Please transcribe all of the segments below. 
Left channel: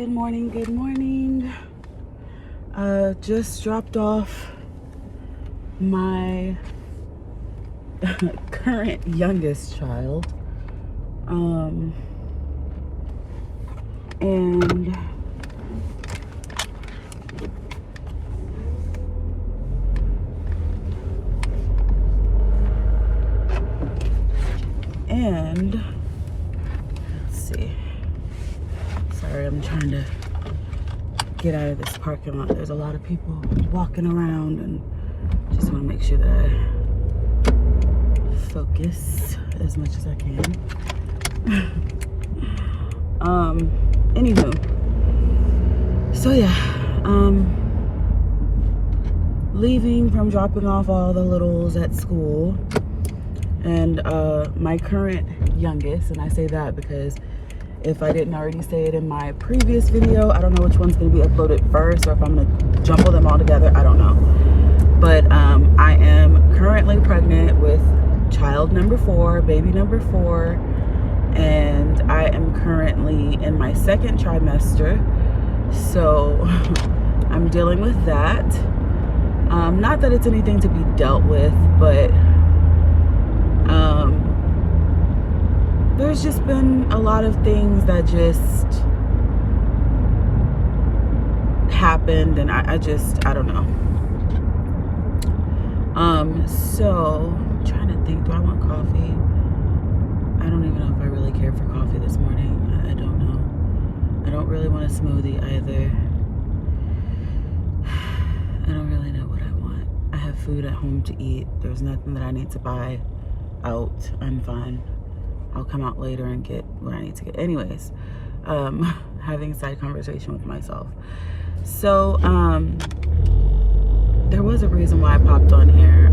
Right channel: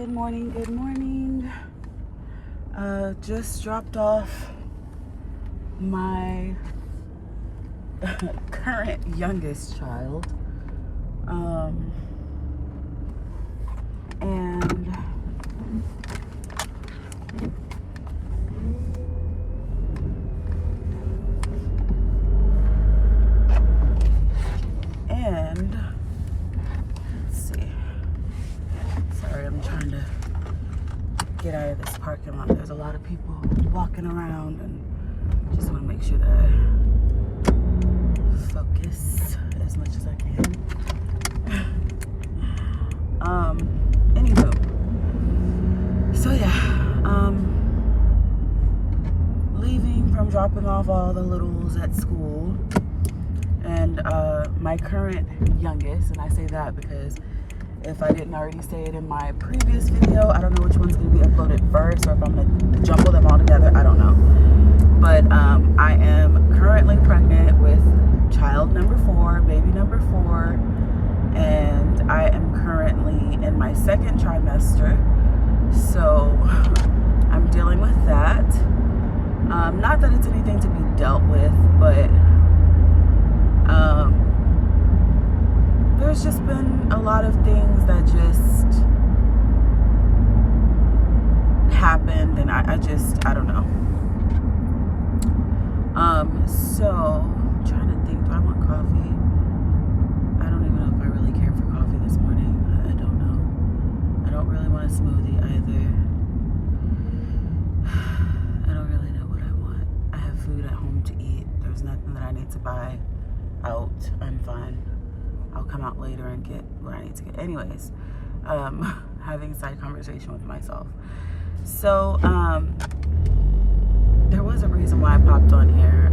Good morning. Just dropped off my current youngest child. And let's see. Sorry, I'm trying to get out of this parking lot. There's a lot of people walking around, and just want to make sure that I focus as much as I can. Anywho, so yeah, leaving from dropping off all the littles at school, and my current youngest, and I say that because if I didn't already say it in my previous video, I don't know which one's going to be uploaded first, or if I'm going to jumble them all together, I don't know. But I am currently pregnant with child number 4, baby number 4, and I am currently in my second trimester, so I'm dealing with that. Not that it's anything to be dealt with, but there's just been a lot of things that just happened, and I don't know. So I'm trying to think, do I want coffee? I don't even know if I really care for coffee this morning. I don't know. I don't really want a smoothie either. I don't really know what I want. I have food at home to eat. There's nothing that I need to buy out. I'm fine. I'll come out later and get what I need to get. Anyways, having a side conversation with myself. So, there was a reason why I popped on here.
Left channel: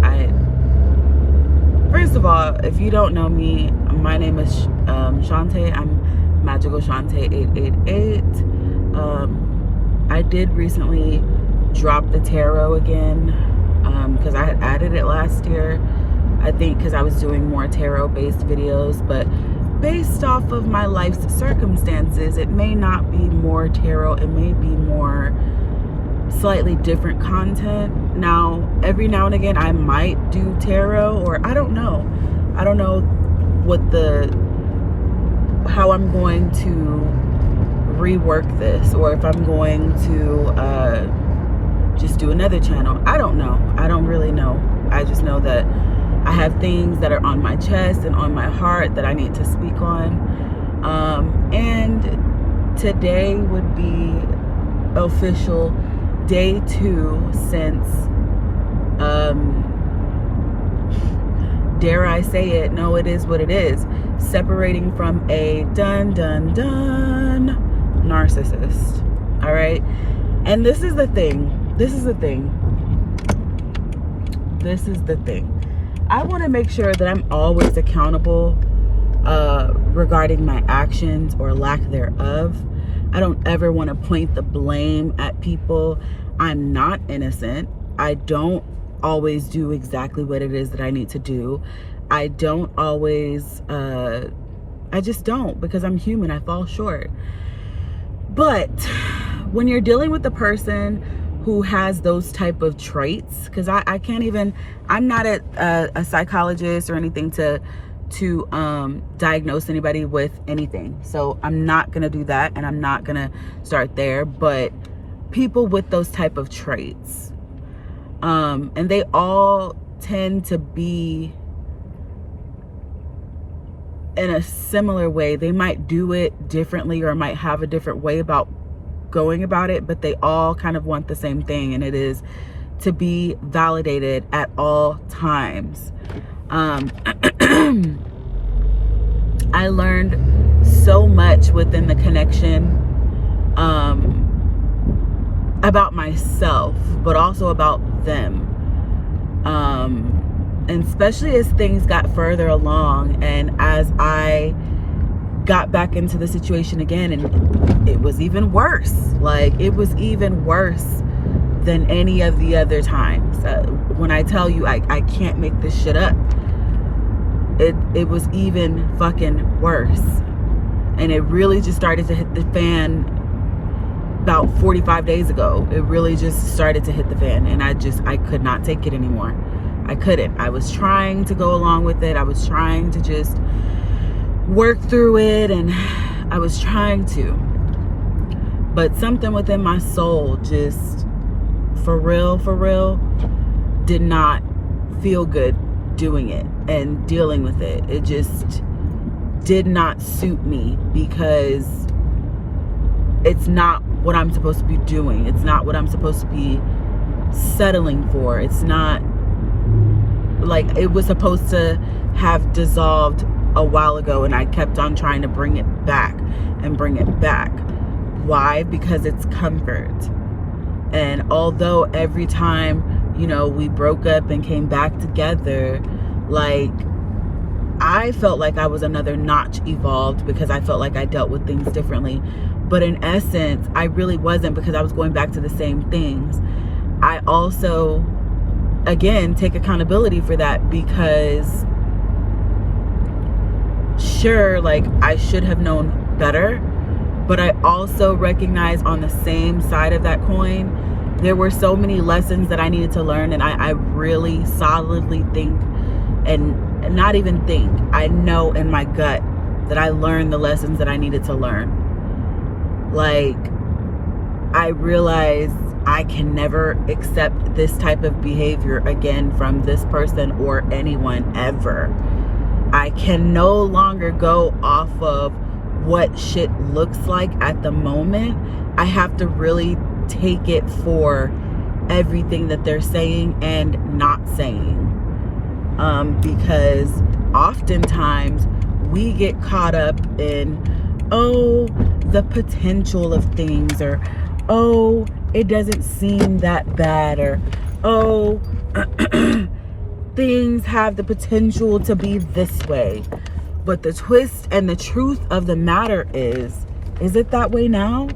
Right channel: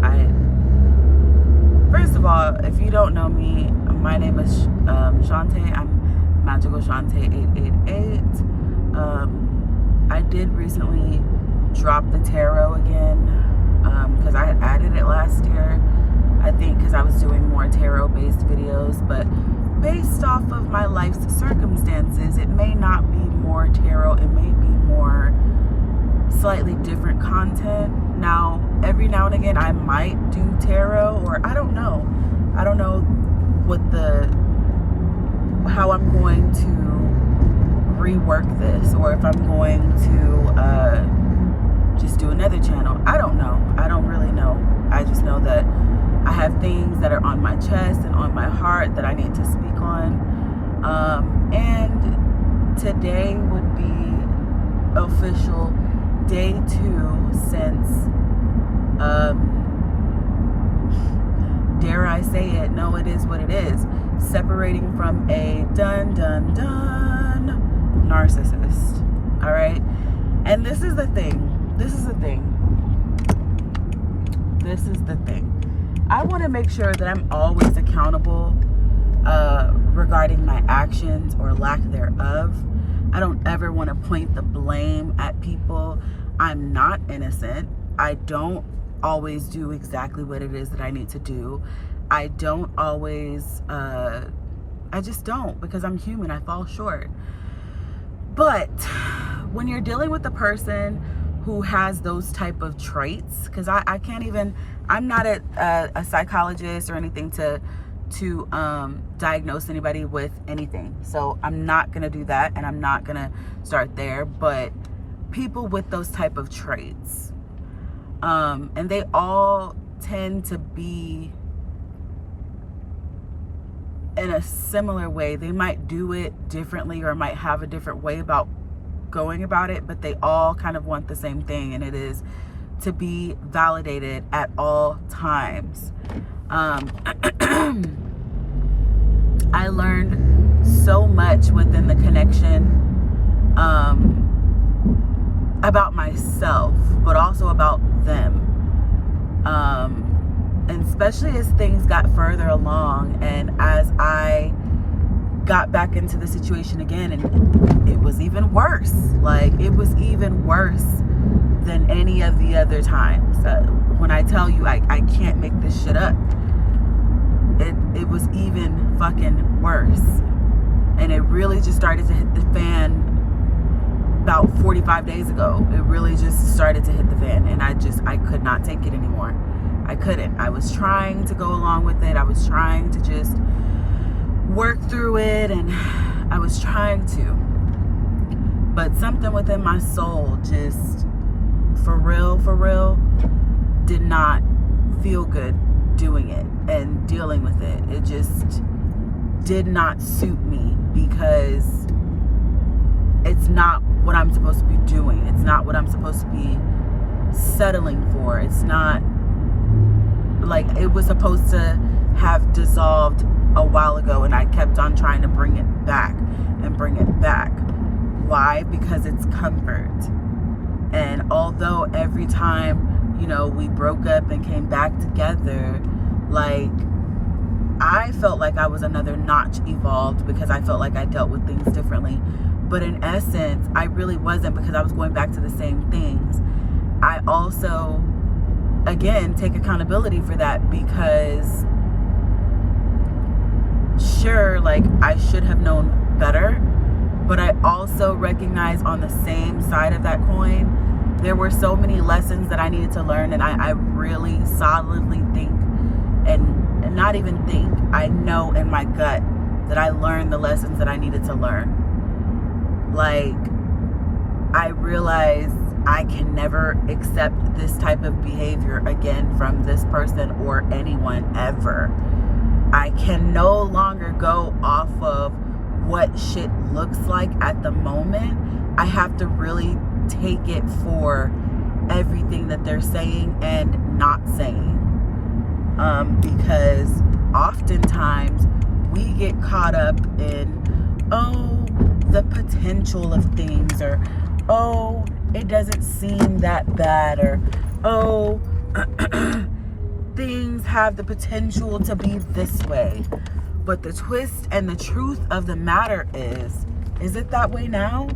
First of all, if you don't know me, my name is Shantae. I'm Magical Shantae 888. I did recently drop the tarot again, because I had added it last year. I think because I was doing more tarot-based videos, but based off of my life's circumstances, it may not be more tarot. It may be more slightly different content. Now, every now and again, I might do tarot, or I don't know. I don't know how I'm going to rework this, or if I'm going to just do another channel. I don't know. I don't really know. I just know that I have things that are on my chest and on my heart that I need to speak on. And today would be official day 2 since, dare I say it, no, it is what it is, separating from a dun narcissist. All right. And this is the thing. I want to make sure that I'm always accountable regarding my actions or lack thereof. I don't ever want to point the blame at people. I'm not innocent. I don't always do exactly what it is that I need to do. I don't always, I just don't, because I'm human. I fall short. But when you're dealing with a person who has those type of traits, because I can't even, I'm not a psychologist or anything to diagnose anybody with anything, so I'm not gonna do that, and I'm not gonna start there. But people with those type of traits, and they all tend to be in a similar way. They might do it differently, or might have a different way about going about it, but they all kind of want the same thing, and it is to be validated at all times. I learned so much within the connection about myself, but also about them, and especially as things got further along, and as I got back into the situation again, and it was even worse. Like, it was even worse than any of the other times. When I tell you, I can't make this shit up. It was even fucking worse. And it really just started to hit the fan about 45 days ago. It really just started to hit the fan, and I could not take it anymore. I couldn't. I was trying to go along with it. I was trying to just work through it, and I was trying to. But something within my soul just, for real, did not feel good doing it and dealing with it. It just did not suit me, because it's not what I'm supposed to be doing. It's not what I'm supposed to be settling for. It's not like it was supposed to have dissolved a while ago, and I kept on trying to bring it back and bring it back. Why? Because it's comfort. And although every time, you know, we broke up and came back together, like, I felt like I was another notch evolved, because I felt like I dealt with things differently. But in essence, I really wasn't, because I was going back to the same things. I also, again, take accountability for that, because sure, like, I should have known better, but I also recognize on the same side of that coin, there were so many lessons that I needed to learn. And I really solidly think, and not even think, I know in my gut that I learned the lessons that I needed to learn. Like, I realized I can never accept this type of behavior again from this person or anyone ever. I can no longer go off of what shit looks like at the moment. I have to really take it for everything that they're saying and not saying. Because oftentimes we get caught up in, oh, the potential of things, or, oh, it doesn't seem that bad, or, oh, things have the potential to be this way. But the twist and the truth of the matter is it that way now?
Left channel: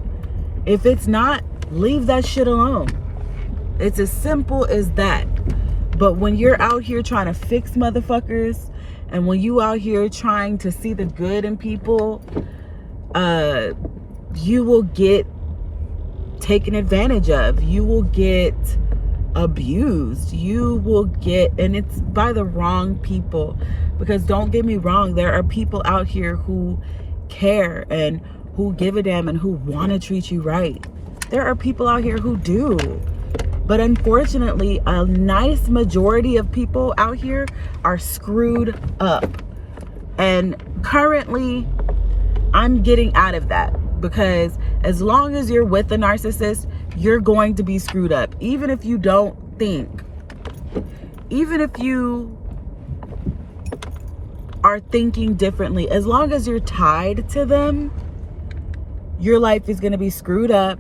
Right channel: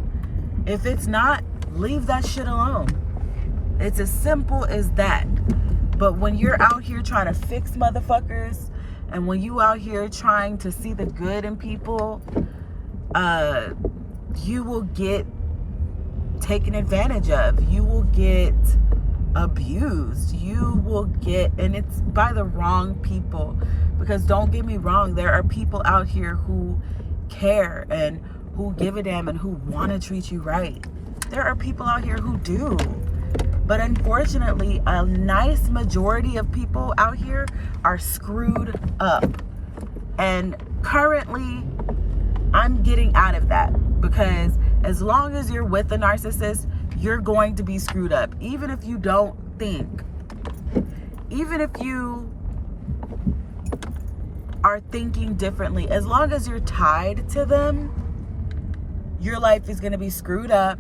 If it's not, leave that shit alone. It's as simple as that. But when you're out here trying to fix motherfuckers, and when you out here trying to see the good in people, you will get taken advantage of. You will get abused. You will get, and it's by the wrong people. Because don't get me wrong, there are people out here who care and who give a damn and who want to treat you right. There are people out here who do. But unfortunately, a nice majority of people out here are screwed up. And currently, I'm getting out of that, because as long as you're with a narcissist, you're going to be screwed up. Even if you don't think, even if you are thinking differently, as long as you're tied to them, your life is going to be screwed up.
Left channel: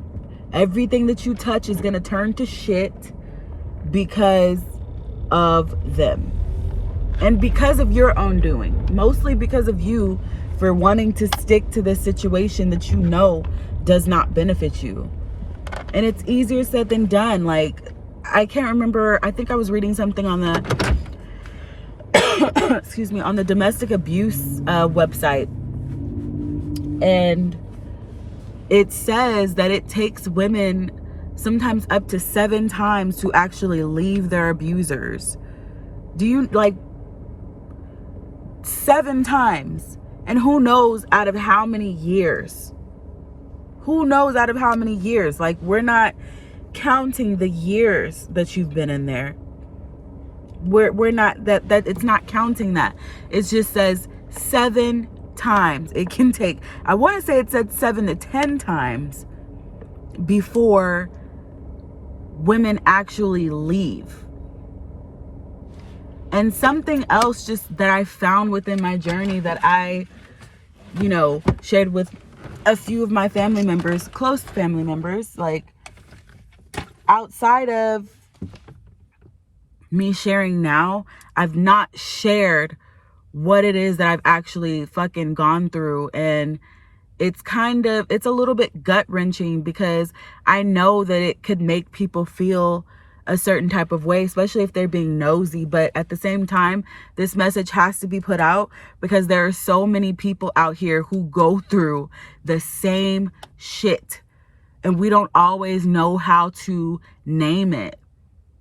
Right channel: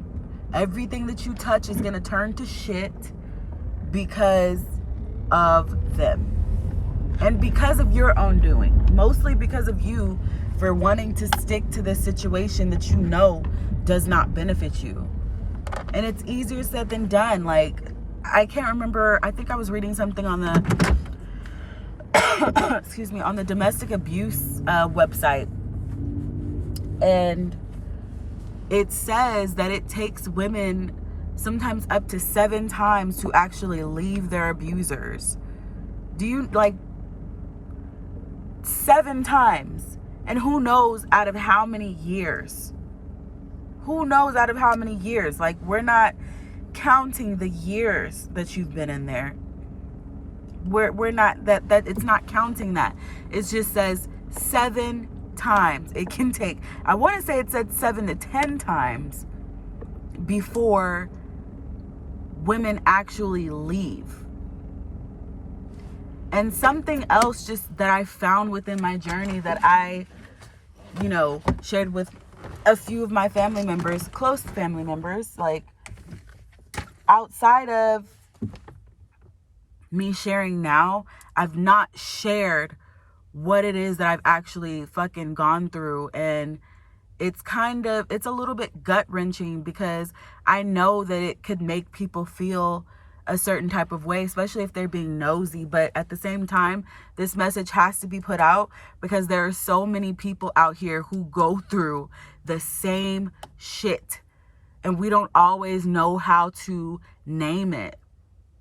Everything that you touch is going to turn to shit because of them. And because of your own doing. Mostly because of you for wanting to stick to this situation that you know does not benefit you. And it's easier said than done. Like, I can't remember, I think I was reading something on the excuse me, on the domestic abuse website, and it says that it takes women sometimes up to 7 times to actually leave their abusers. Do you, like, 7 times? And who knows out of how many years? Who knows out of how many years? Like, we're not counting the years that you've been in there. We're not, that it's not counting that. It just says 7 times. It can take, I want to say it said 7 to 10 times before women actually leave. And something else just that I found within my journey that I, you know, shared with a few of my family members, close family members, like, outside of me sharing now, I've not shared what it is that I've actually fucking gone through. And it's a little bit gut-wrenching, because I know that it could make people feel a certain type of way, especially if they're being nosy. But at the same time, this message has to be put out, because there are so many people out here who go through the same shit And we don't always know how to name it.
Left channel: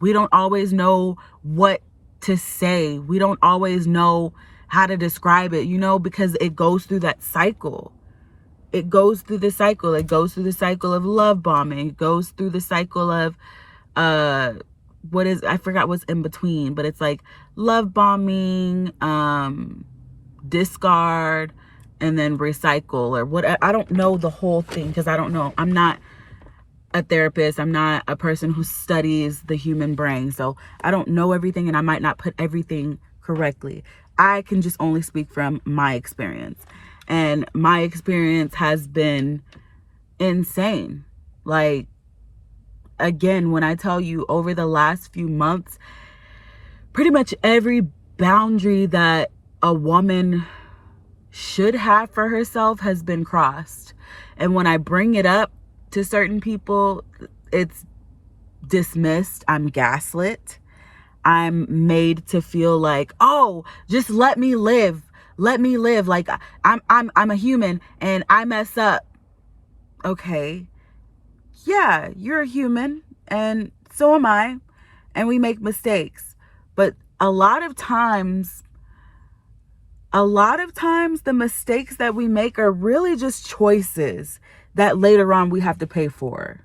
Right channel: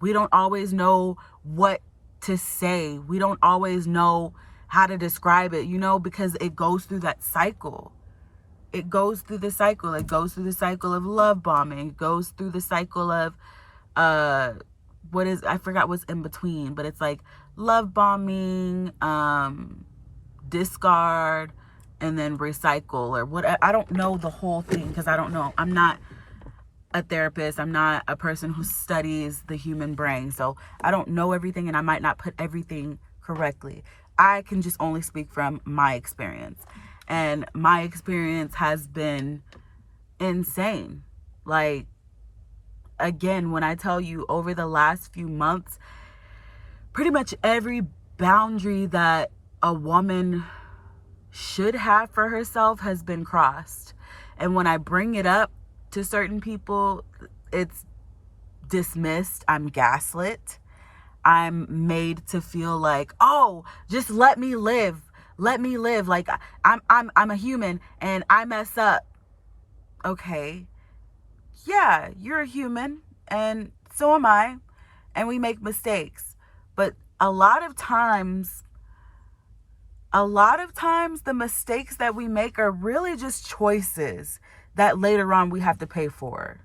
We don't always know what to say. We don't always know how to describe it, because it goes through that cycle. It goes through the cycle. It goes through the cycle of love bombing. It goes through the cycle of, I forgot what's in between, but it's like love bombing, discard, and then recycle or what. I don't know the whole thing because I don't know. I'm not a therapist. I'm not a person who studies the human brain. So I don't know everything, and I might not put everything correctly. I can just only speak from my experience. And my experience has been insane. Like, again, when I tell you over the last few months, pretty much every boundary that a woman should have for herself has been crossed. And when I bring it up to certain people, it's dismissed. I'm gaslit. I'm made to feel like, oh, just let me live. Let me live. Like I'm a human and I mess up. Okay. Yeah, you're a human and so am I. And we make mistakes. But a lot of times the mistakes that we make are really just choices that later on we have to pay for.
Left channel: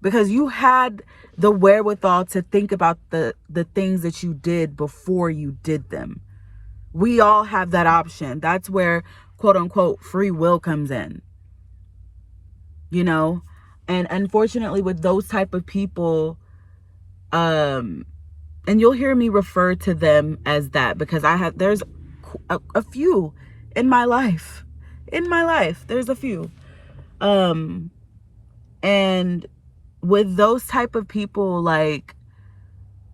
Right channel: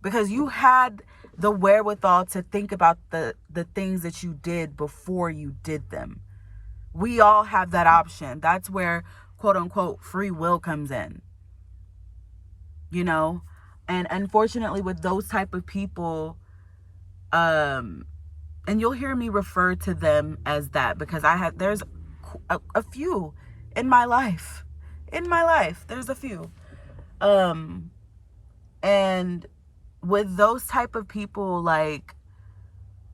Because you had the wherewithal to think about the things that you did before you did them. We all have that option. That's where, quote unquote, free will comes in. And unfortunately with those type of people, and you'll hear me refer to them as that because there's a few in my life. There's a few. And with those type of people, like,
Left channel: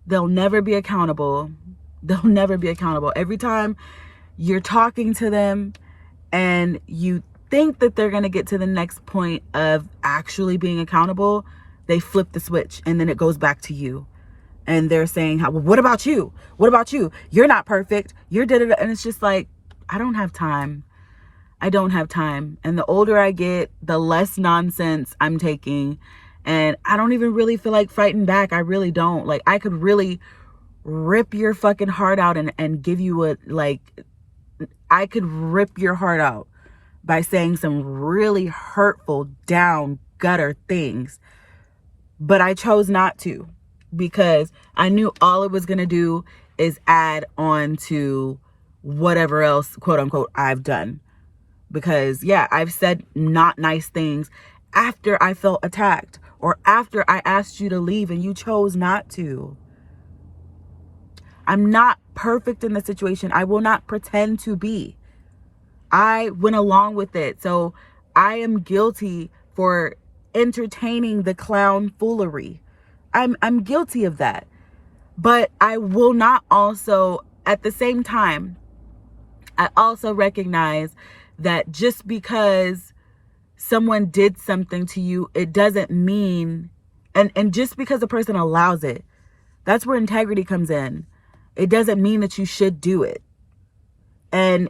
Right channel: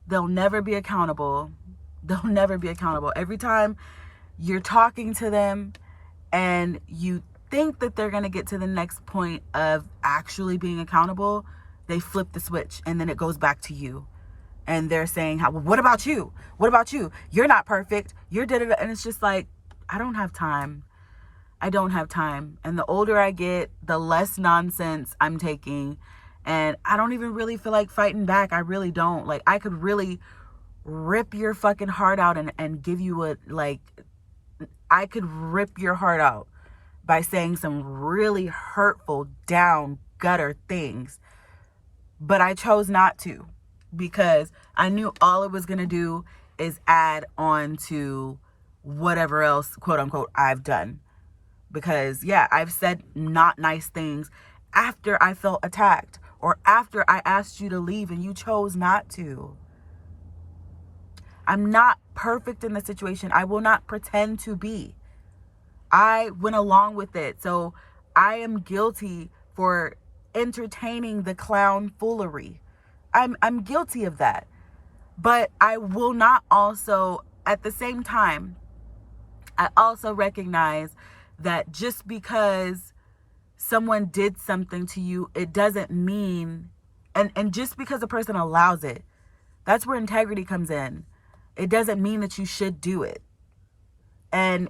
they'll never be accountable. Every time you're talking to them and you think that they're going to get to the next point of actually being accountable, they flip the switch and then it goes back to you. And they're saying, well, what about you? You're not perfect. You're did it. And it's just like, I don't have time. And the older I get, the less nonsense I'm taking. And I don't even really feel like fighting back. I really don't. Like, I could really rip your fucking heart out and give you I could rip your heart out by saying some really hurtful, down, gutter things. But I chose not to because I knew all it was going to do is add on to whatever else, quote unquote, I've done. Because, yeah, I've said not nice things after I felt attacked or after I asked you to leave and you chose not to. I'm not perfect in the situation. I will not pretend to be. I went along with it. So I am guilty for entertaining the clown foolery. I'm guilty of that. But I will not also, at the same time, I also recognize that just because someone did something to you, it doesn't mean, and just because a person allows it, that's where integrity comes in. It doesn't mean that you should do it. And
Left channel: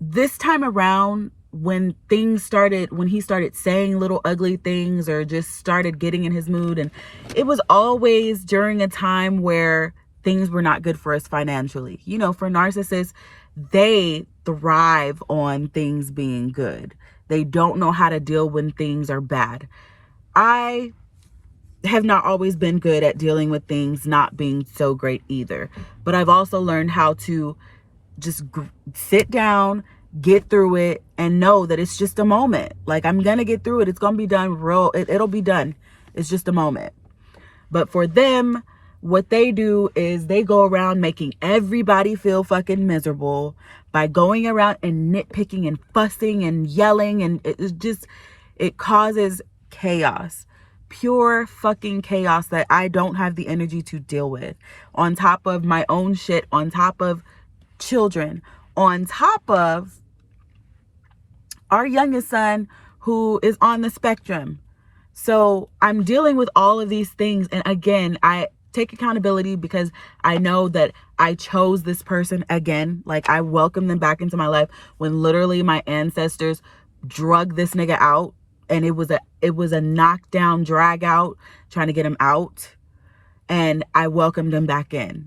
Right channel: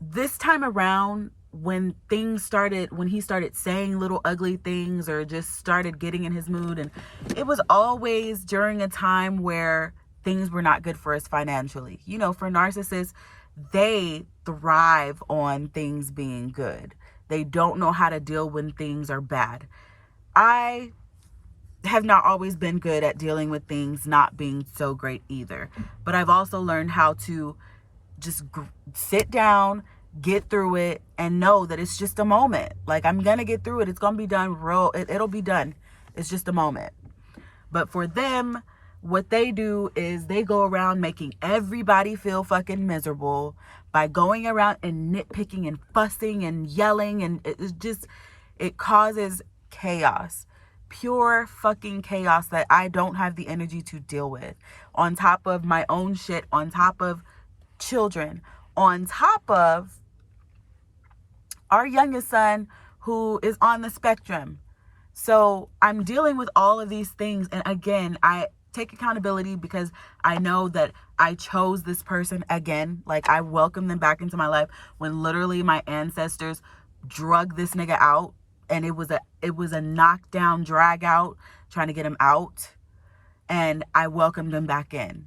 this time around, when he started saying little ugly things or just started getting in his mood, and it was always during a time where things were not good for us financially. For narcissists, they thrive on things being good. They don't know how to deal when things are bad. I have not always been good at dealing with things not being so great either. But I've also learned how to just sit down, get through it, and know that it's just a moment. Like, I'm going to get through it. It's going to be done it'll be done. It's just a moment. But for them, what they do is they go around making everybody feel fucking miserable by going around and nitpicking and fussing and yelling. And it causes chaos. Pure fucking chaos that I don't have the energy to deal with. On top of my own shit, on top of children, on top of our youngest son who is on the spectrum. So I'm dealing with all of these things. And again, I take accountability because I know that I chose this person again. Like, I welcome them back into my life when literally my ancestors drug this nigga out, and it was a knockdown drag out trying to get him out, and I welcomed him back in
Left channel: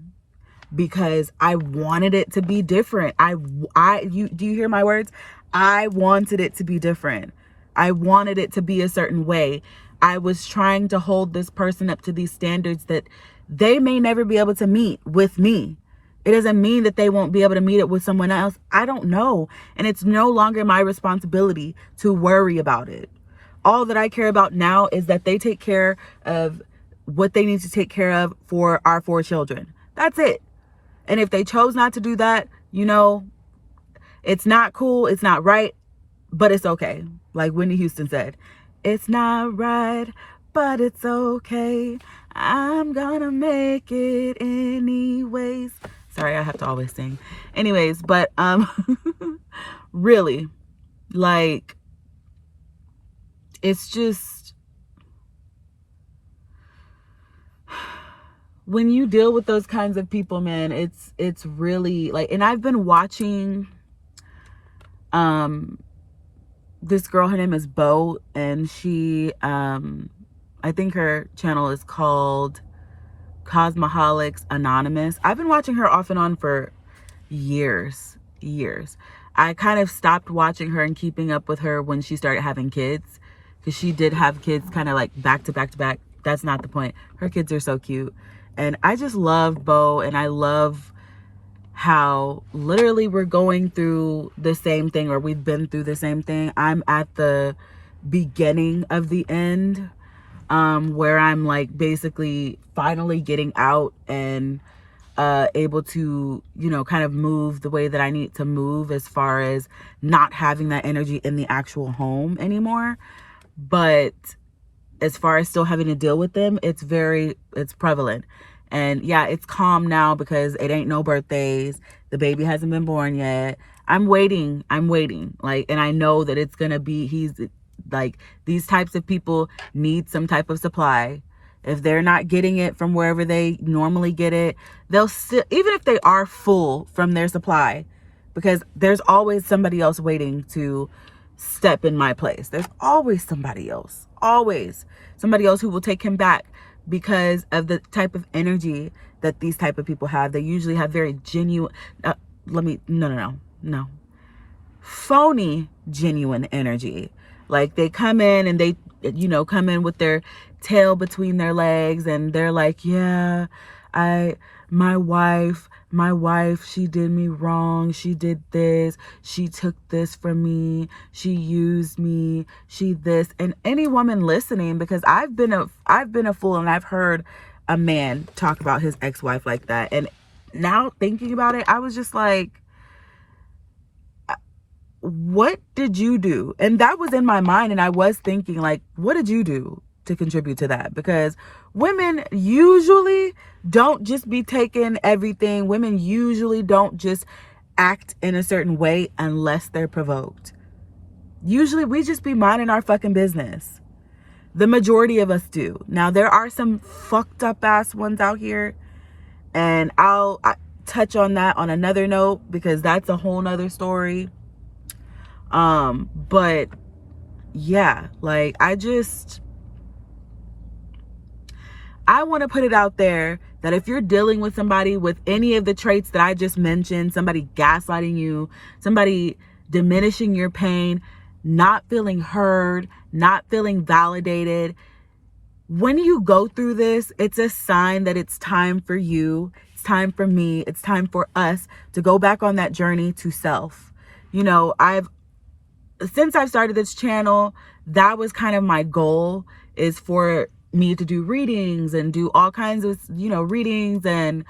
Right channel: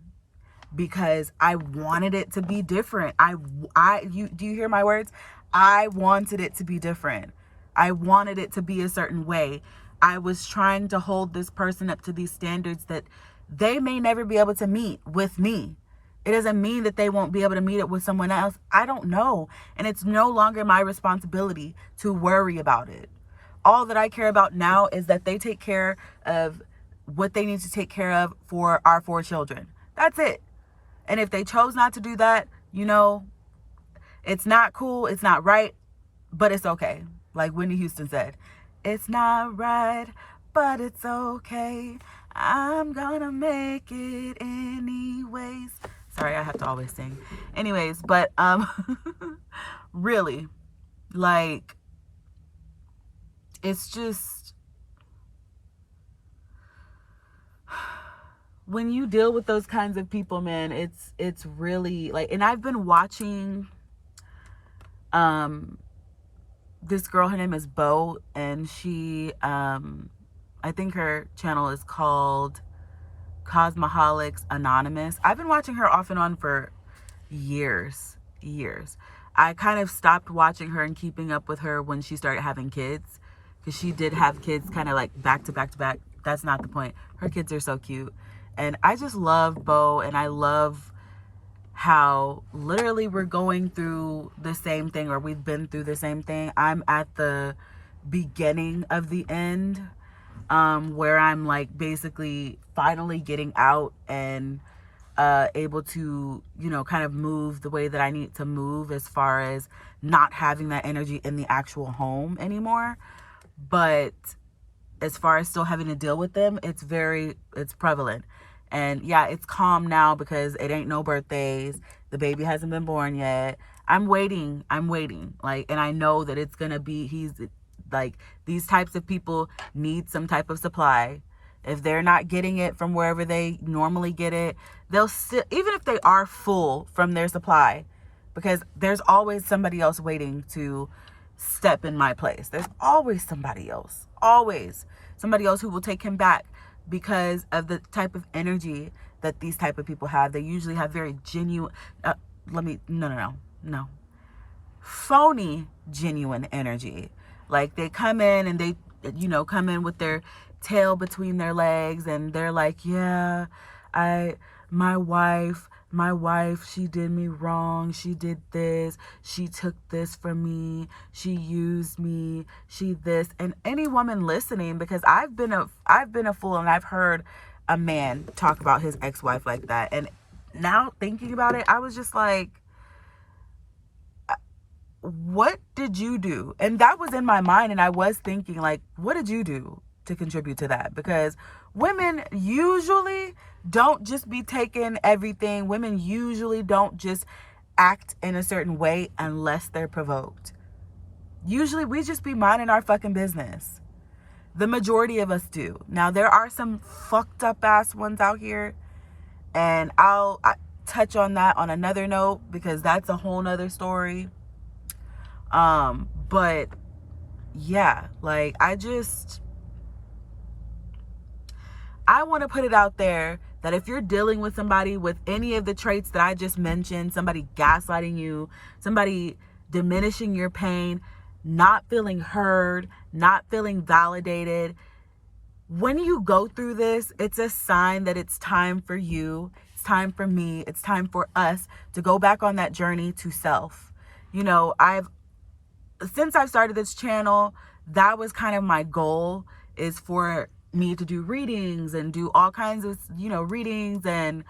because I wanted it to be different. Do you hear my words? I wanted it to be different. I wanted it to be a certain way. I was trying to hold this person up to these standards that they may never be able to meet with me. It doesn't mean that they won't be able to meet it with someone else. I don't know. And it's no longer my responsibility to worry about it. All that I care about now is that they take care of what they need to take care of for our 4 children. That's it. And if they chose not to do that, it's not cool. It's not right, but it's okay. Like Whitney Houston said, it's not right, but it's okay. I'm gonna make it anyways. Sorry, I have to always sing. Anyways, but really, like, it's just, when you deal with those kinds of people, man, it's really like, and I've been watching this girl, her name is Bo, and she I think her channel is called Cosmoholics Anonymous. I've been watching her off and on for years. I kind of stopped watching her and keeping up with her when she started having kids, because she did have kids kind of like back to back to back. That's not the point. Her kids are so cute. And I just love Bo, and I love how literally we're going through the same thing, or we've been through the same thing. I'm at the beginning of the end, where I'm like basically finally getting out and able to, kind of move the way that I need to move, as far as not having that energy in the actual home anymore. But as far as still having to deal with them, it's prevalent. And yeah, it's calm now because it ain't no birthdays. The baby hasn't been born yet. I'm waiting. Like, and I know that it's going to be, he's like, these types of people need some type of supply. If they're not getting it from wherever they normally get it, they'll still, even if they are full from their supply, because there's always somebody else waiting to step in my place. There's always somebody else who will take him back, because of the type of energy that these type of people have. They usually have very genuine, phony genuine energy. Like, they come in and they, come in with their tail between their legs, and they're like, yeah, my wife, she did me wrong. She did this. She took this from me. She used me. She this. And any woman listening, because I've been a fool, and I've heard a man talk about his ex-wife like that. And now thinking about it, I was just like, what did you do? And that was in my mind. And I was thinking, like, what did you do to contribute to that? Because women usually don't just be taking everything. Women usually don't just act in a certain way unless they're provoked. Usually we just be minding our fucking business. The majority of us do. Now, there are some fucked up ass ones out here, and I'll touch on that on another note, because that's a whole nother story. But yeah, like, I want to put it out there that if you're dealing with somebody with any of the traits that I just mentioned, somebody gaslighting you, somebody diminishing your pain, not feeling heard, not feeling validated, when you go through this, it's a sign that it's time for you, it's time for me, it's time for us to go back on that journey to self. Since I've started this channel, that was kind of my goal, is for me to do readings and do all kinds of, readings and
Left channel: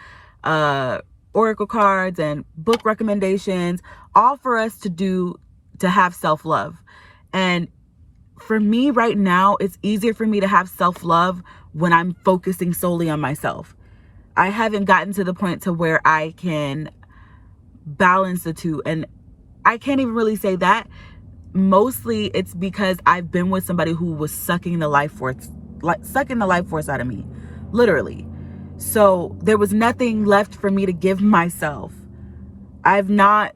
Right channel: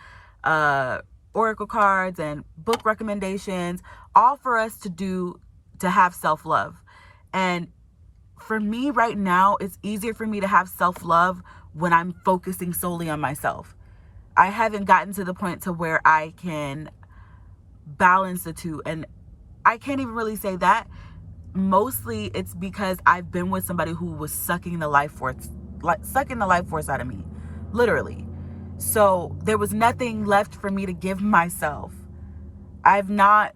oracle cards and book recommendations, all for us to have self-love. And for me right now, it's easier for me to have self-love when I'm focusing solely on myself. I haven't gotten to the point to where I can balance the two. And I can't even really say that. Mostly it's because I've been with somebody who was sucking the life force out of me, literally. So there was nothing left for me to give myself. I've not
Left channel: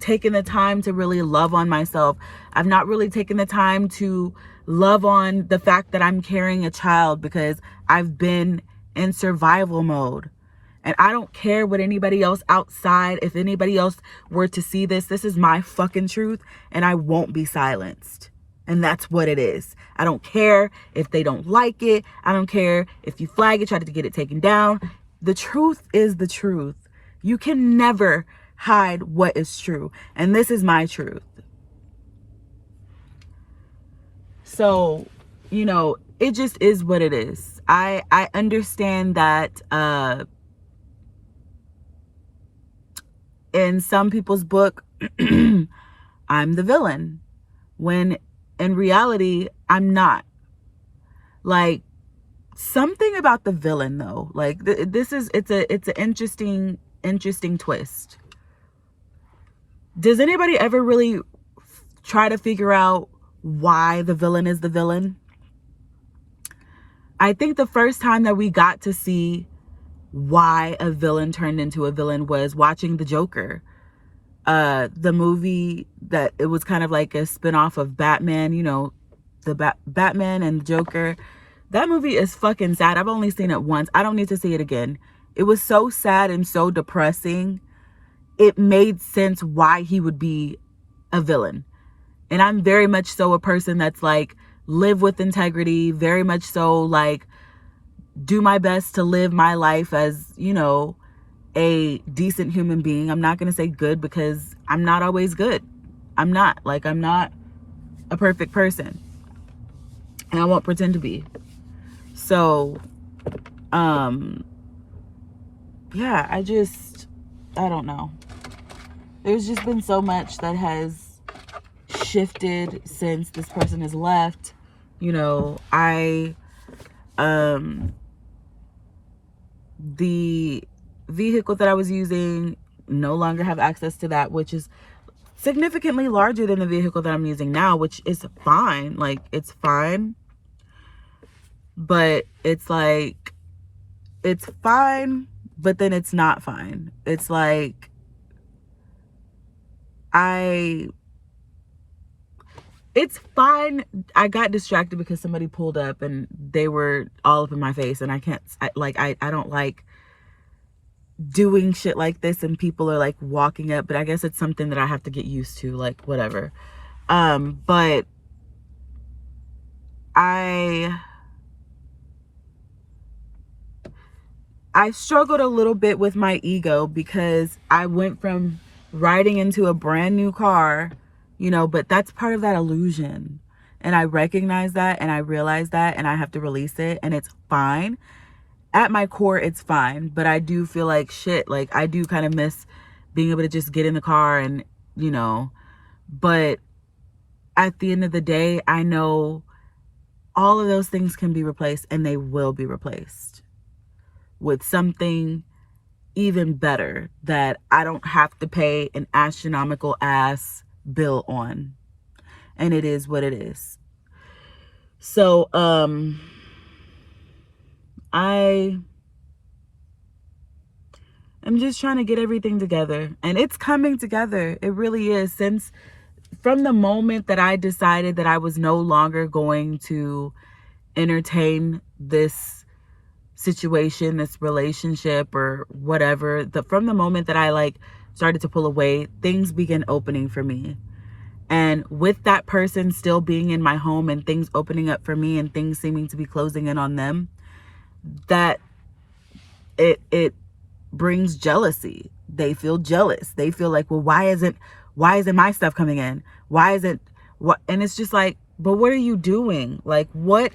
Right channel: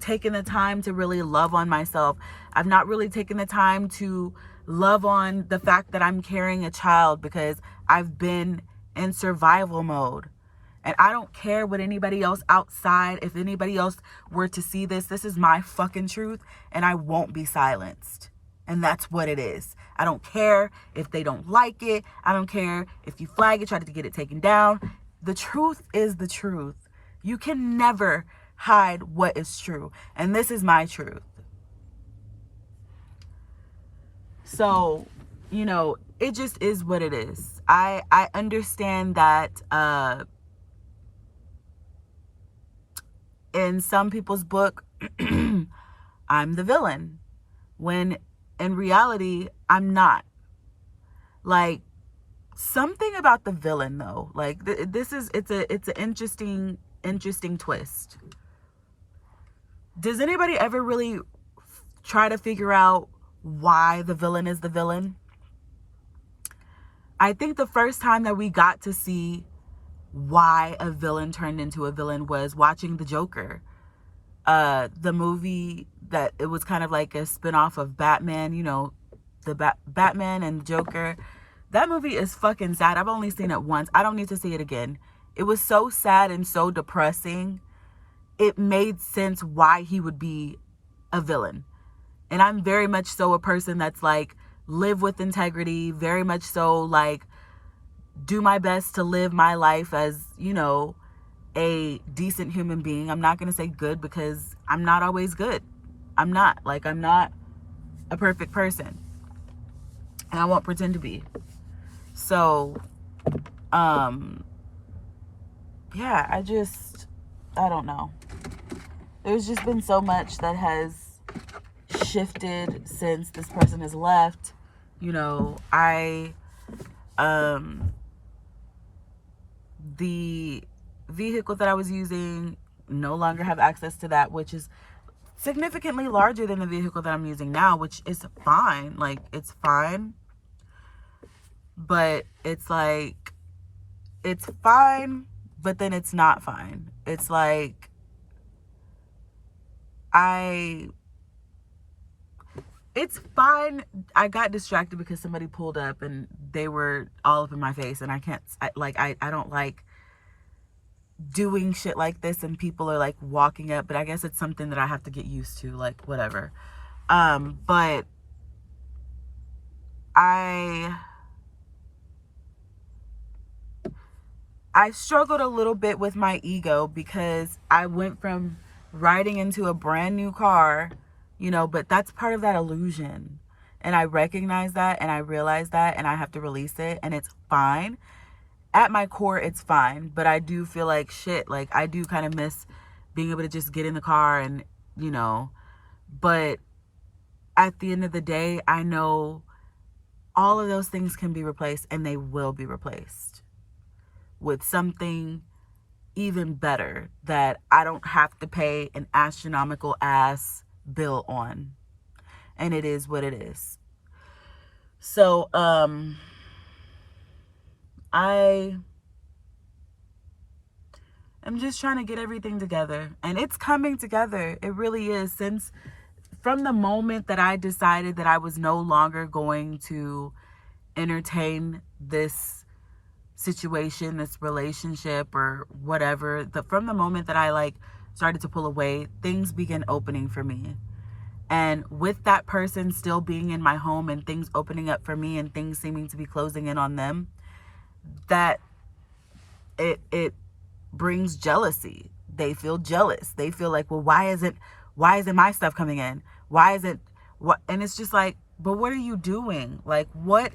taken the time to really love on myself. I've not really taken the time to love on the fact that I'm carrying a child, because I've been in survival mode. And I don't care what anybody else outside, if anybody else were to see this, this is my fucking truth, and I won't be silenced. And that's what it is. I don't care if they don't like it. I don't care if you flag it, try to get it taken down. The truth is the truth. You can never hide what is true. And this is my truth. So, you know, it just is what it is. I understand that in some people's book, I'm the villain, when in reality, I'm not. Like, something about the villain though, like it's an interesting twist. Does anybody ever really try to figure out why the villain is the villain? I think the first time that we got to see why a villain turned into a villain was watching The Joker. The movie that it was kind of like a spinoff of Batman, you know, the Batman and Joker. That movie is fucking sad. I've only seen it once. I don't need to see it again. It was so sad and so depressing. It made sense why he would be a villain. And I'm very much so a person that's like, live with integrity, very much so like, do my best to live my life as, you know, a decent human being. I'm not going to say good, because I'm not always good. I'm not a perfect person. And I won't pretend to be. So, yeah, I don't know. There's just been so much that has shifted since this person has left. You know, the vehicle that I was using, no longer have access to that, which is significantly larger than the vehicle that I'm using now, which is fine. Like, it's fine. But it's like, it's fine, but then it's not fine. It's like, it's fine. I got distracted because somebody pulled up and they were all up in my face, and I don't like doing shit like this, and people are like walking up, but I guess it's something that I have to get used to, like, whatever. But I struggled a little bit with my ego, because I went from riding into a brand new car, you know, but that's part of that illusion. And I recognize that, and I realize that, and I have to release it, and it's fine. At my core, it's fine. But I do feel like shit. Like, I do kind of miss being able to just get in the car and, you know, but at the end of the day, I know all of those things can be replaced, and they will be replaced with something even better that I don't have to pay an astronomical ass bill on. And it is what it is. So, I am just trying to get everything together, and it's coming together. It really is. From the moment that I decided that I was no longer going to entertain this situation, this relationship or whatever, from the moment that I like started to pull away, things began opening for me. And with that person still being in my home and things opening up for me and things seeming to be closing in on them, that it brings jealousy. They feel jealous. They feel like, well, why isn't my stuff coming in? Why isn't what? And it's just like, but what are you doing? Like, what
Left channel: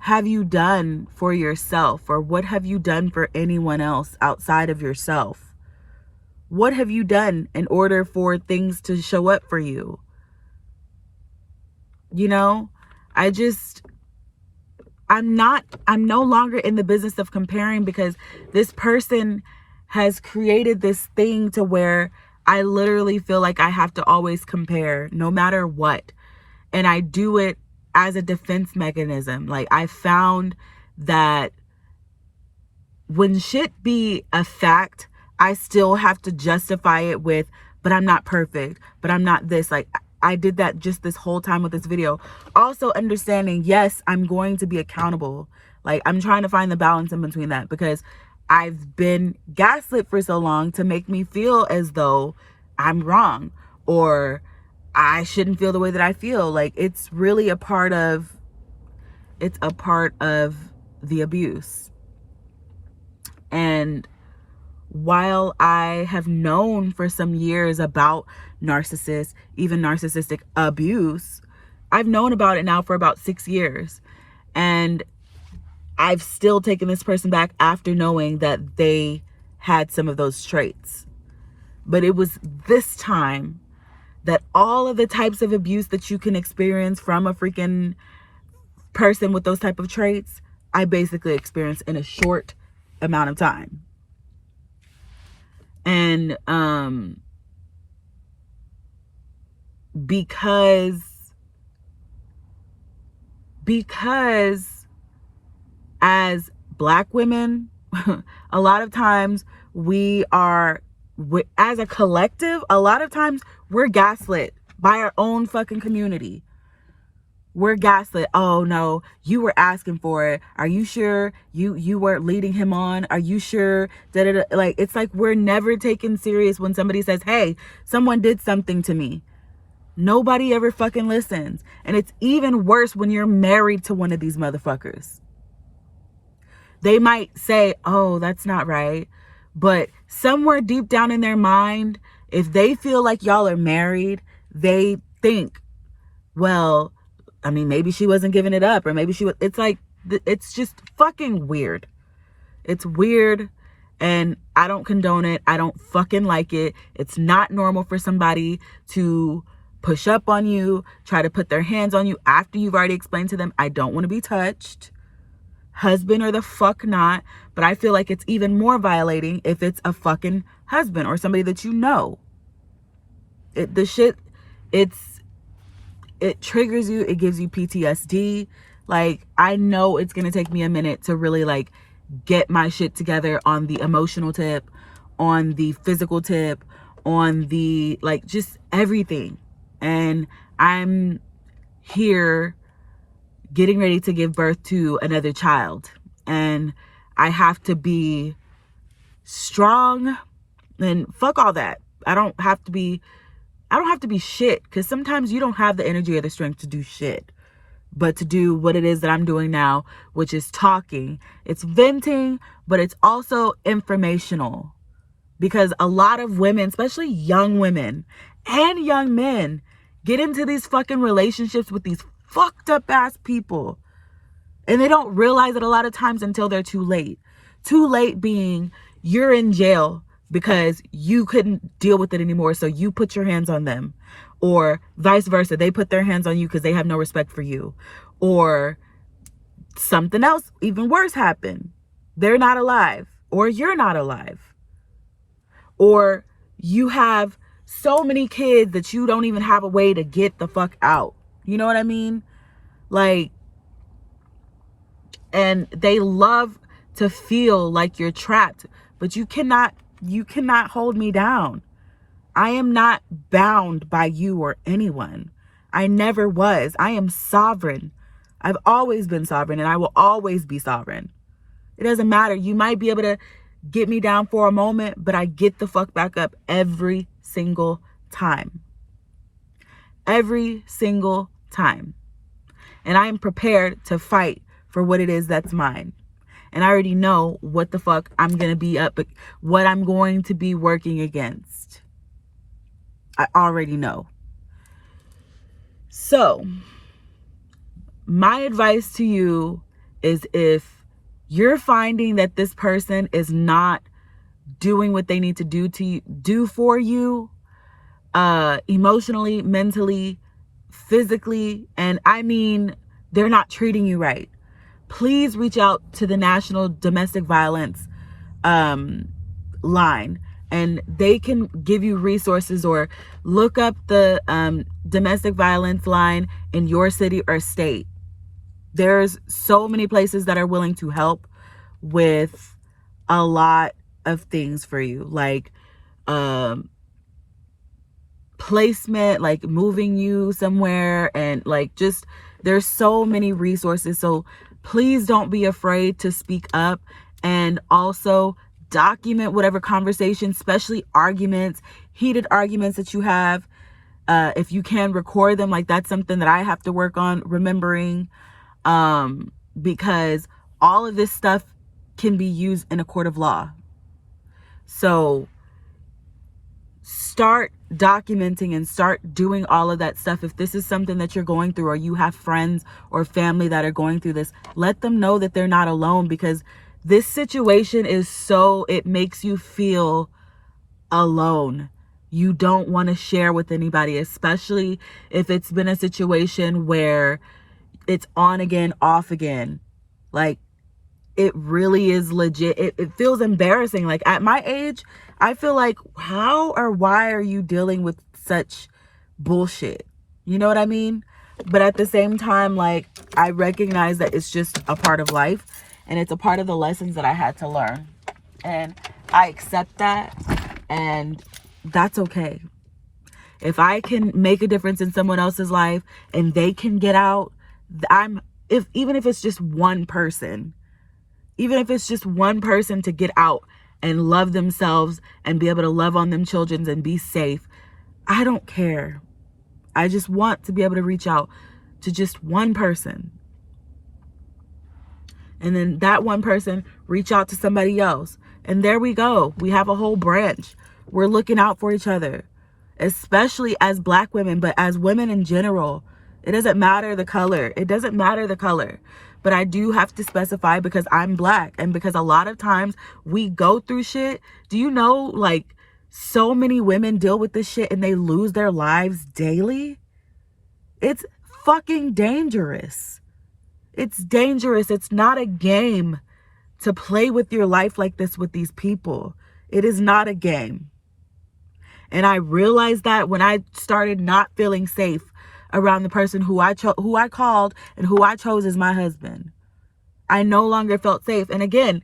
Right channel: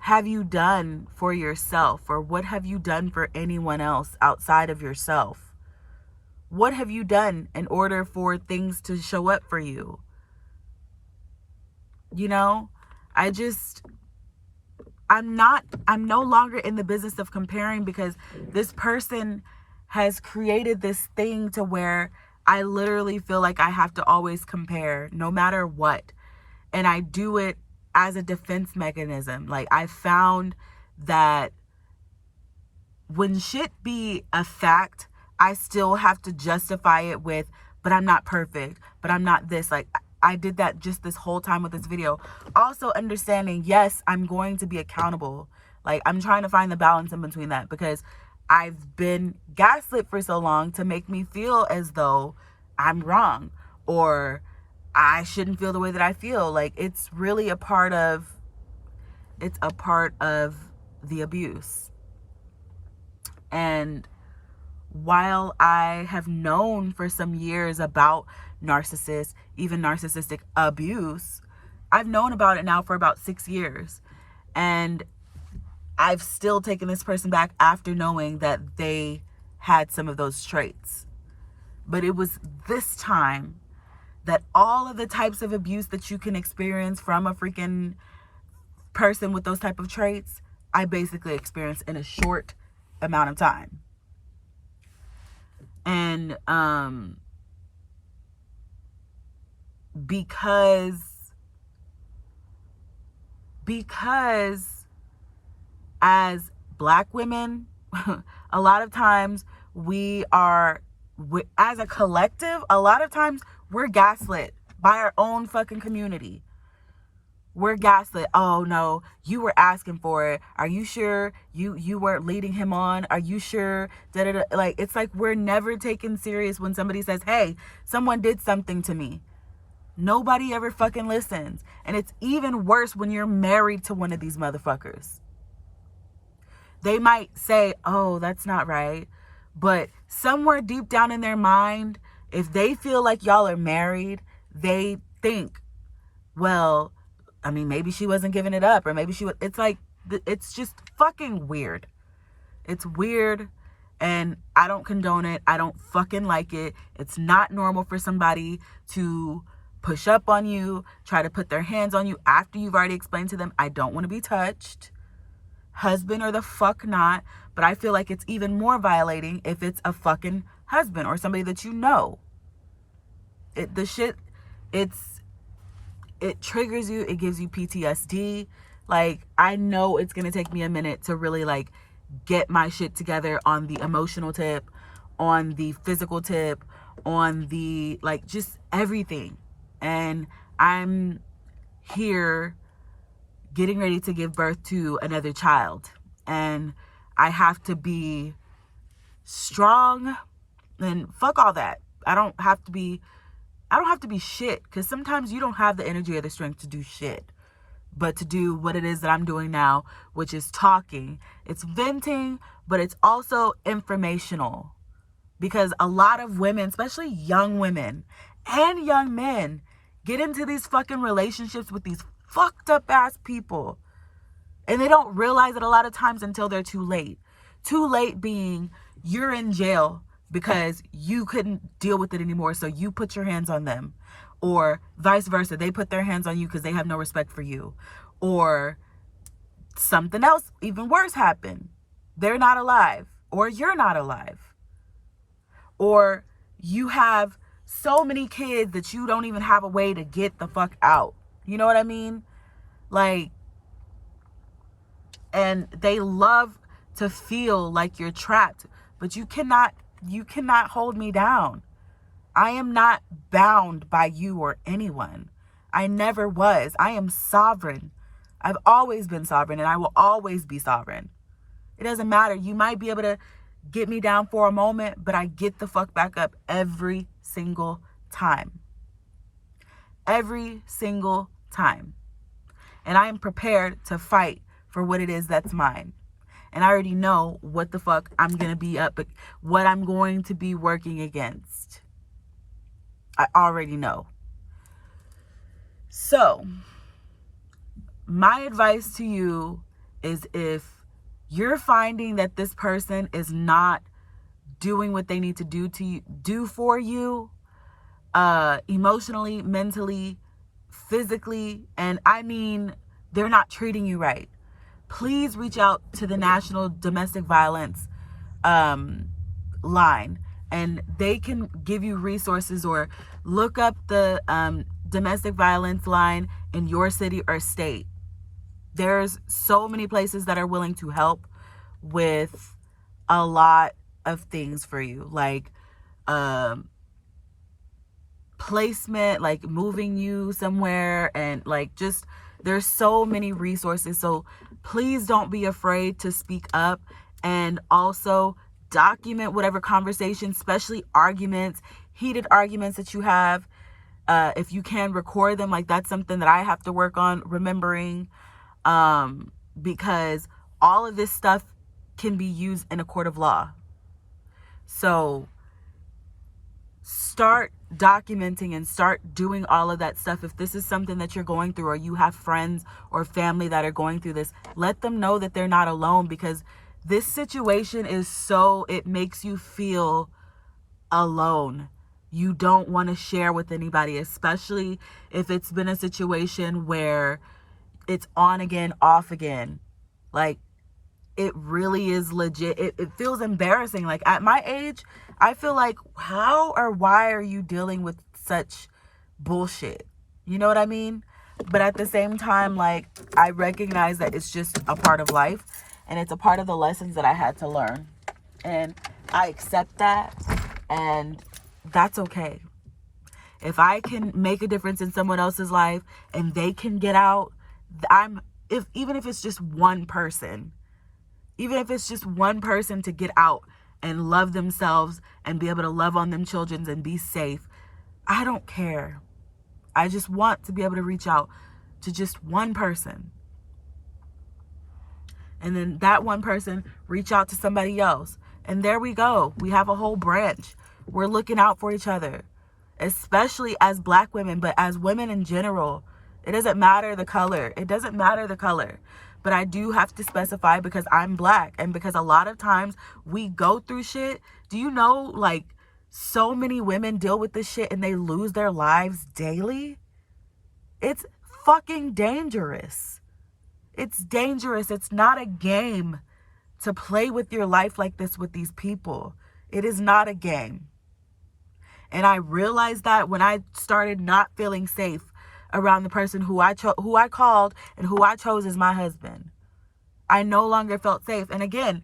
have you done for yourself, or what have you done for anyone else outside of yourself? What have you done in order for things to show up for you? You know, I'm no longer in the business of comparing, because this person has created this thing to where I literally feel like I have to always compare no matter what. And I do it as a defense mechanism. Like, I found that when shit be a fact, I still have to justify it with but I'm not perfect, but I'm not this. Like, I did that just this whole time with this video. Also understanding, yes, I'm going to be accountable. Like, I'm trying to find the balance in between that, because I've been gaslit for so long to make me feel as though I'm wrong or I shouldn't feel the way that I feel. Like, it's really a part of the abuse. And while I have known for some years about narcissists, even narcissistic abuse, I've known about it now for about 6 years. And I've still taken this person back after knowing that they had some of those traits. But it was this time that all of the types of abuse that you can experience from a freaking person with those type of traits, I basically experienced in a short amount of time. And because as Black women, a lot of times as a collective, a lot of times we're gaslit by our own fucking community. We're gaslit. Oh no, you were asking for it. Are you sure you weren't leading him on? Are you sure? Like, it's like we're never taken serious when somebody says, hey, someone did something to me. Nobody ever fucking listens. And it's even worse when you're married to one of these motherfuckers. They might say, oh, that's not right. But somewhere deep down in their mind, if they feel like y'all are married, they think, well, I mean, maybe she wasn't giving it up, or maybe she was. It's like, it's just fucking weird. It's weird, and I don't condone it. I don't fucking like it. It's not normal for somebody to push up on you, try to put their hands on you after you've already explained to them, I don't want to be touched. Husband or the fuck not. But I feel like it's even more violating if it's a fucking husband or somebody that you know. It triggers you. It gives you PTSD. Like, I know it's going to take me a minute to really, like, get my shit together on the emotional tip, on the physical tip, on the, like, just everything. And I'm here getting ready to give birth to another child. And I have to be strong, and fuck all that. I don't have to be shit, because sometimes you don't have the energy or the strength to do shit, but to do what it is that I'm doing now, which is talking. It's venting, but it's also informational, because a lot of women, especially young women and young men, get into these fucking relationships with these fucked up ass people, and they don't realize it a lot of times until they're too late. Too late being, you're in jail because you couldn't deal with it anymore, so you put your hands on them. Or vice versa, they put their hands on you because they have no respect for you. Or something else even worse happened. They're not alive, or you're not alive. Or you have so many kids that you don't even have a way to get the fuck out. You know what I mean? Like, and they love to feel like you're trapped, but you cannot hold me down. I am not bound by you or anyone. I never was. I am sovereign. I've always been sovereign, and I will always be sovereign. It doesn't matter. You might be able to get me down for a moment, but I get the fuck back up every single time. Every single time. And I am prepared to fight for what it is that's mine. And I already know what the fuck I'm going to be up, what I'm going to be working against. I already know. So, my advice to you is, if you're finding that this person is not doing what they need to do for you, emotionally, mentally, physically, and I mean, they're not treating you right, please reach out to the National Domestic Violence line, and they can give you resources, or look up the domestic violence line in your city or state. There's so many places that are willing to help with a lot of things for you, like placement, like moving you somewhere, and like just there's so many resources. So please don't be afraid to speak up, and also document whatever conversation, especially arguments, heated arguments that you have. If you can record them, like that's something that I have to work on remembering, because all of this stuff can be used in a court of law. So start documenting and start doing all of that stuff. If this is something that you're going through, or you have friends or family that are going through this, let them know that they're not alone, because this situation is it makes you feel alone. You don't want to share with anybody, especially if it's been a situation where it's on again, off again. Like, it really is legit. It feels embarrassing. Like, at my age, I feel like, how or why are you dealing with such bullshit? You know what I mean? But at the same time, like, I recognize that it's just a part of life, and it's a part of the lessons that I had to learn. And I accept that, and that's okay. If I can make a difference in someone else's life and they can get out, even if it's just one person, to get out and love themselves and be able to love on them children and be safe, I don't care. I just want to be able to reach out to just one person. And then that one person reach out to somebody else. And there we go. We have a whole branch. We're looking out for each other, especially as Black women, but as women in general. It doesn't matter the color. But I do have to specify, because I'm Black, and because a lot of times we go through shit. Do you know, like, so many women deal with this shit and they lose their lives daily? It's fucking dangerous. It's dangerous. It's not a game to play with your life like this with these people. It is not a game. And I realized that when I started not feeling safe around the person who I called and who I chose as my husband. I no longer felt safe. And again,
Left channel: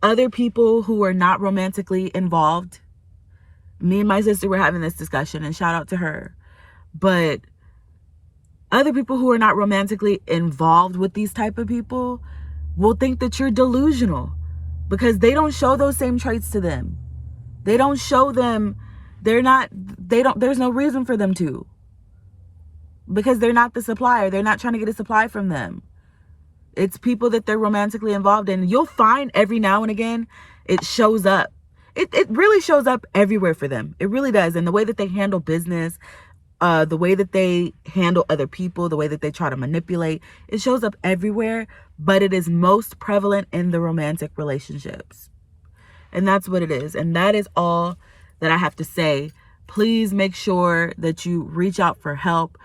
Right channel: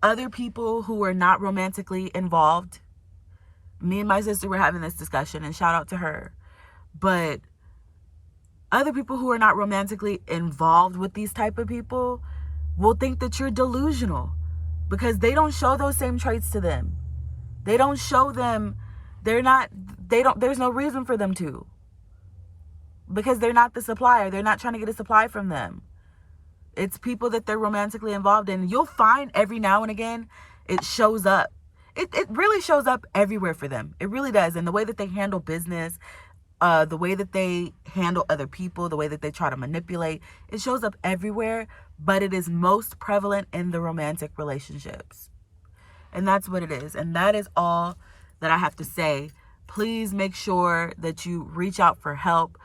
other people who were not romantically involved, me and my sister were having this discussion, and shout out to her. But other people who are not romantically involved with these type of people will think that you're delusional, because they don't show those same traits to them. They don't show them. There's no reason for them to, because they're not the supplier. They're not trying to get a supply from them. It's people that they're romantically involved in. You'll find every now and again it shows up. It really shows up everywhere for them. It really does. And the way that they handle business, the way that they handle other people, the way that they try to manipulate, it shows up everywhere, but it is most prevalent in the romantic relationships. And that's what it is. And that is all that I have to say. Please make sure that you reach out for help.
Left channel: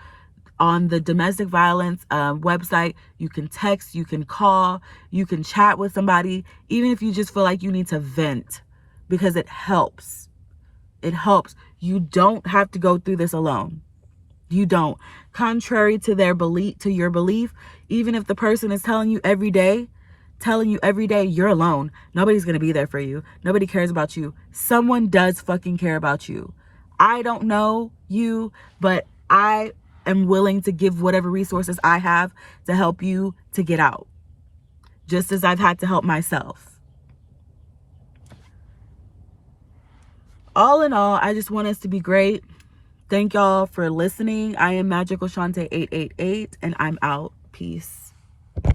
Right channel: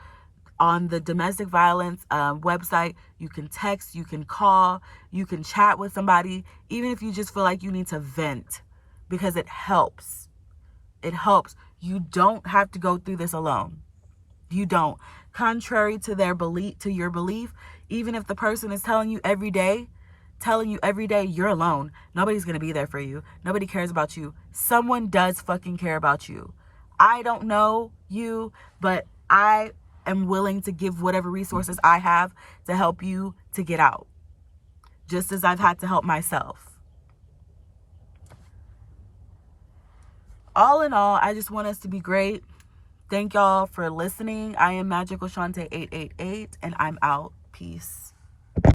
On the domestic violence website, you can text, you can call, you can chat with somebody, even if you just feel like you need to vent, because it helps. It helps. You don't have to go through this alone. You don't. Contrary to your belief, even if the person is telling you every day you're alone, nobody's going to be there for you. Nobody cares about you. Someone does fucking care about you. I don't know you, but I am willing to give whatever resources I have to help you to get out, just as I've had to help myself. All in all, I just want us to be great. Thank y'all for listening. I am Magical Shante 888, and I'm out. Peace.